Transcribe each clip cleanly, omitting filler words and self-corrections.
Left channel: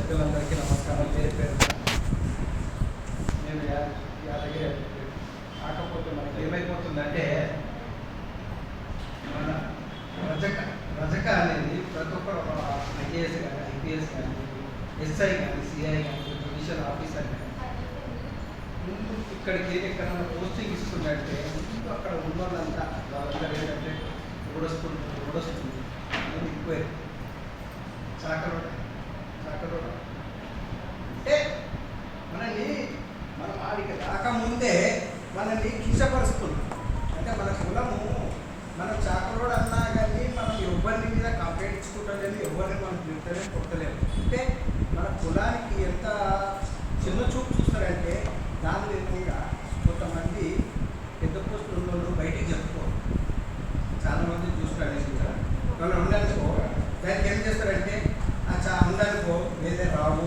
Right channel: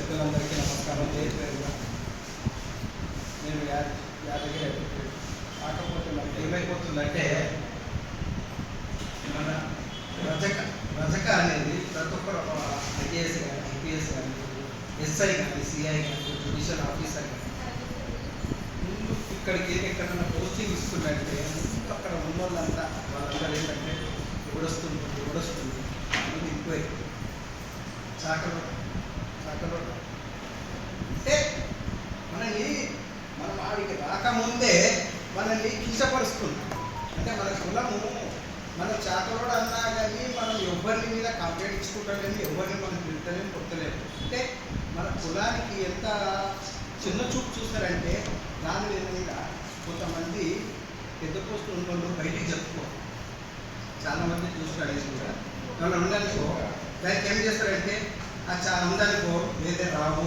పెద్దలందరికీ నమస్కారం. నేను యాదగిరి అడ్వకేట్. కాకపోతే మనకి ఏమైపోతుందంటే మన రజక అనేది ప్రతి ఒక్కరు ఐఏఎస్ కానీ ఐపీఎస్ కానీ ఎస్ఐ కానీ సిఐ కానీ జ్యుడిషియల్ ఆఫీసర్ కానీ ముందు ఇక్కడికి ఎక్కడన్నా పోస్టింగ్ ఇస్తున్నట్టే ముందు అక్కడ ఉన్న వాళ్ళంతా వాళ్ళందరూ ఏంటంటే ఉడొస్తుంది ఎక్కువ చాకలు అంటే మనం ఆడికి రాకముందే మనల్ని కించపరుస్తుంది. అంటే మన కులము మన చాకలోడు అన్నా కానీ మనం ఎవరిని మీద కంప్లైంట్ ఇచ్చుకుంటాం కానీ ఎవరిని మనం తిట్టలేము కొట్టలేము. అంటే మన కులానికి ఎంత చిన్న చూపు చూస్తారంటే దాని మీద కొంతమంది పెద్ద పోస్టులు ఉన్న వాళ్ళు బయటికి చెప్పుకోరు. చాలామంది చూస్తారు. నేను కూడా వాళ్ళు ఉండనుకో దానికి ఏం చేస్తారంటే ఉందనుకో లేదే రావు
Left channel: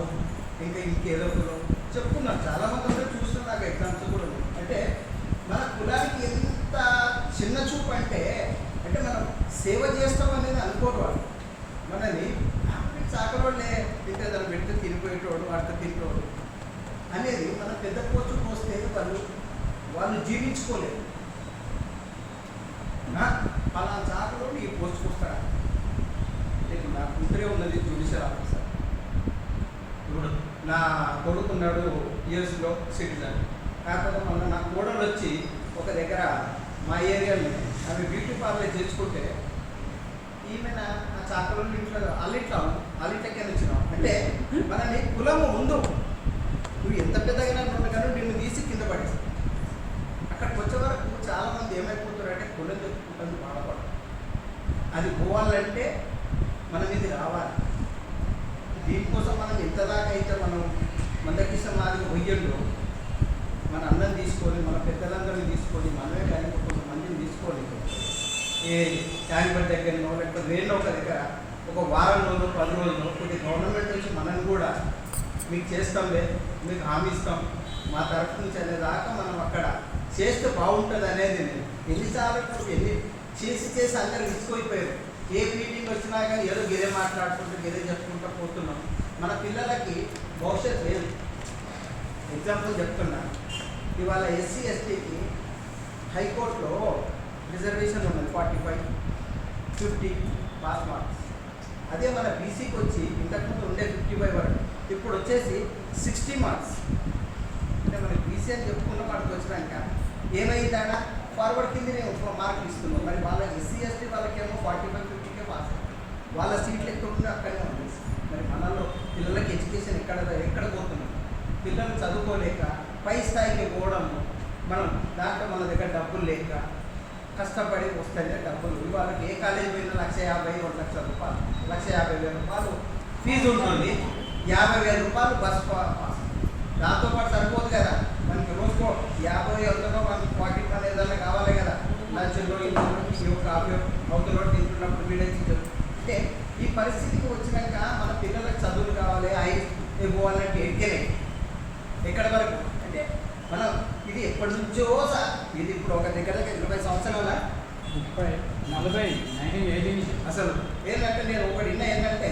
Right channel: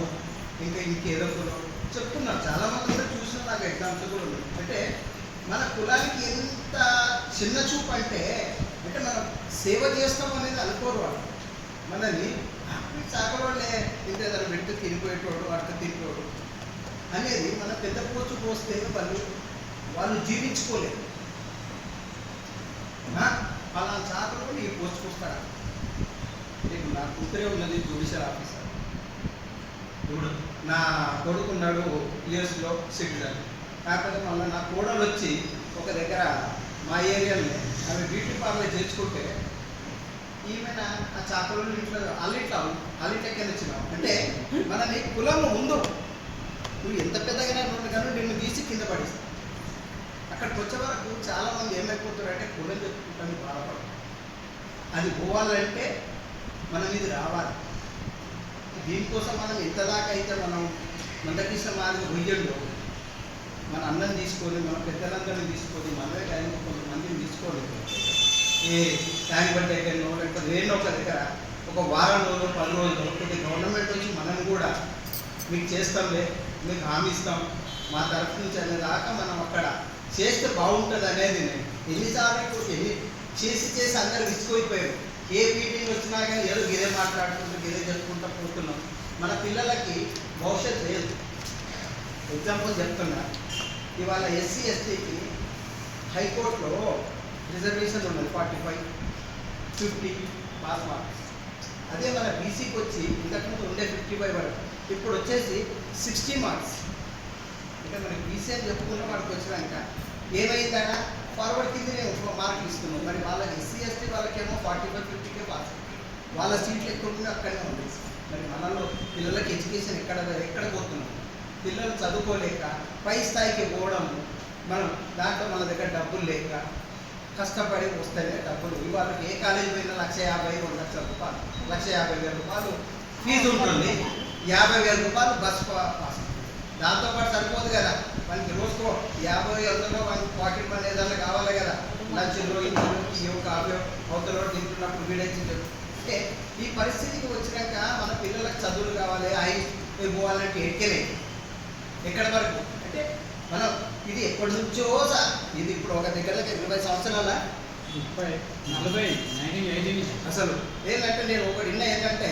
ఇంకేదో కులం చెప్పుకున్నాను. చాలామంది ఉంటే చూస్తున్నా నాకు ఎగ్జామ్స్ కూడా ఉన్నాయి. అంటే మన కులానికి ఎంత చిన్న చూపు అంటే మనం సేవ చేస్తాం అనేది అనుకోరు వాళ్ళు. మనని చాకరోళ్ళే ఇంకేదైనా పెడితే తినిపోయేటోడు అడక తిరిగేవాడు అనేది మన పెద్ద పోస్టు పోస్తే వాళ్ళు జీవించుకోలేరు. పలానా చాకరోడు ఈ పోస్టుకు వస్తాడా? ఇప్పుడు నా కూతురే ఉన్నది జ్యుడిషియల్ ఆఫీసర్. నా కొడుకున్నాడు యూఎస్లో సిటిజన్. కాకపోతే మళ్ళీ నా కోడలు వచ్చి ఒక దగ్గర మా ఏరియాలో అవి బ్యూటీ పార్లర్ తెచ్చుకుంటే ఈమెన ఆ చాకలు ఇంట్లో అల్లిట్లకే తెచ్చినాం. అంటే మనని కులము ముందు నువ్వు ఎంత పెద్దగా కానీ నిన్ను తీసి కింద పడేస్తావు. అక్కడికి వచ్చే వరకు చాలామంది ఏమైపోతారంటే కులం చెప్పుకుంటుంది బాధపడతారు. అది పోవాలంటే మనం ఇది రావాలి. దీనికోసం మనం ఎంతదాకా అయితే మనం మందకిష్ట మాదిరి పొయ్యంలో మన అన్నం తీసుకొని మన పెద్దలందరినీ తీసుకొని మనమే కానీ కొంతమందిని తీసుకొని ఏ ట్యాంక్ బండ్ దగ్గరనో లేకపోతే వేరే ఒక దగ్గర ఒక వారం రోజులు 10 రోజులు కొద్ది గవర్నమెంట్ వచ్చి మనం కూడా మీకు చేస్తాంలే మీకు హామీ ఇస్తాం మా తరఫు నుంచి అనేదాకా మనం అక్కడ చేస్తే బాగుంటుంది అనేది నేను ఎన్నిసార్లు చేసి అందరూ విసిపోయిపోయారు. ఏ మీటింగ్ వచ్చినా కానీ ఏదో గిరే మాట్లాడుకుంటూ గిరే చెప్పుకుంటూ పోతున్నాం. మన పిల్లలకి భవిష్యత్ లేదు. ఎగ్జాంపుల్ చెప్తున్నా, ఇవాళ ఎస్సీ ఎస్టీకి హైకోర్టులో రిజర్వేషన్ ఉన్నది 45, 50 పాస్ మార్క్స్. అదే మన బీసీకి వచ్చి ఇంతకుముందు ఉండే 55 వరకు, ఇప్పుడు వచ్చేసి 60 మార్క్స్. అంటే మనకి బీసీ అని చెప్పుకున్న వాడికి వచ్చినాక ఏమైందన్నా ఫార్వర్డ్ కింద మార్కులు ఇస్తున్నాం. మరి వాళ్ళకి ఎస్సీ ఎస్టీ వాళ్ళకేమో 45, 50కే పాస్ అయ్యి వాళ్ళ సీట్లు ఎక్కడ అక్కడే ఉంది. మరి మనలో పిల్లలకి ఎడ్యుకేషన్ ఎక్కడ పోతున్నాం? పిల్లలు చదువుకోలేక పై స్థాయికి పోవడం, మనం దాంట్లో మన దగ్గర డబ్బులు లేక కష్టపడి వస్తేనే డబ్బులు. వాళ్ళకి ఏ కాలేజీ పోయినా 1,50,000, 2 లక్షల రూపాయలు, 1,50,000 రూపాయలు ఫీజు ఉంటుంది. 50,000 రూపాయలు బస్ పాస్. దాంతోపాటు సరిపోదు కదా, మనకి రోజుకో 50-100 మనకి పాకెట్ మనీ ఏదైనా కావాలి కదా. లంచ్లో ఇంట్లో కాఫీ అవతల తింటున్నప్పుడు వీడేసి. అంటే ఈ పరిస్థితికి వచ్చినాక మన పిల్లలకు చదువులు కావాలి, పోవాలంటే ఎక్కడి వరకు అంటే మనం ఇది ఎప్పటి నుంచో ఇది ఇప్పుడు ఒక దగ్గర 20 సంవత్సరాల 30, 40, 1980 అసలు ఏంటంటే నేను ఒకటి ఏంటంటే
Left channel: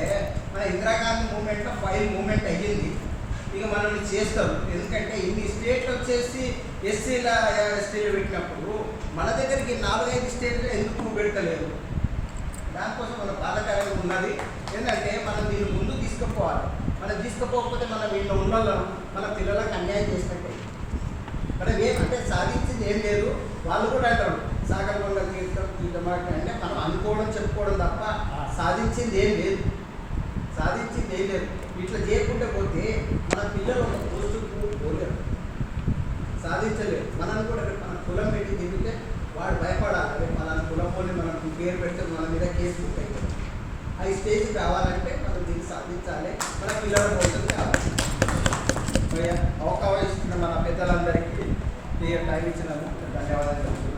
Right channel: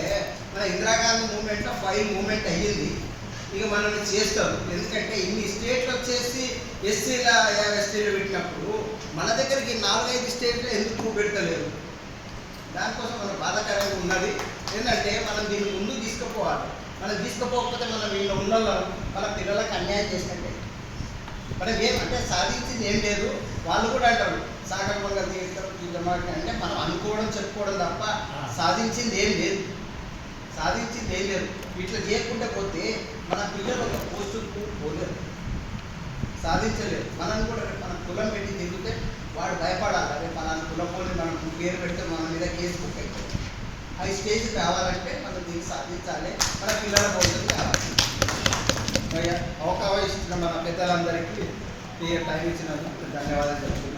మన ఇందిరాగాంధీ మూమెంట్లో 5 మూమెంట్ అయ్యింది. ఇక మనల్ని చేస్తారు. ఎందుకంటే ఇన్ని స్టేట్లు వచ్చేసి ఎస్సీల ఎస్టీలు పెట్టినప్పుడు మన దగ్గరికి 4-5 స్టేట్లు ఎందుకు పెడతలేదు? దానికోసం మనకు బాధాకరంగా ఉన్నది. ఏంటంటే మనం దీన్ని ముందు తీసుకుపోవాలి. మనం తీసుకుపోకపోతే మనం వీళ్ళు ఉన్న మన పిల్లలకు అన్యాయం చేసినట్టే. మనం ఏమంటే సాధించింది ఏం లేదు. వాళ్ళు కూడా అంటారు సాగర్మంగా తీర్థం అంటే మనం అనుకోవడం చెప్పుకోవడం తప్ప సాధించింది ఏం లేదు. ఇట్లా చేయకుండా పోతే మన పిల్లలు ఒక పోస్టుకు పోలేరు, సాధించలేరు. మనం కూడా మన కులం పెట్టి తిరిగితే వాడు భయపడాలి. అదే మన కులం పోలి మనం పేరు పెడితే మన మీద కేసు బుక్ అవుతుంది. ఆ స్టేజ్ కావాలంటే మనం దీన్ని సాధించాలి. మన పిల్లల భవిష్యత్తు కావాలి. అవకాశం ఇస్తున్న మన పెద్దలందరికీ టైం ఇచ్చినందుకు ధన్యవాదాలు చెప్తున్నాను.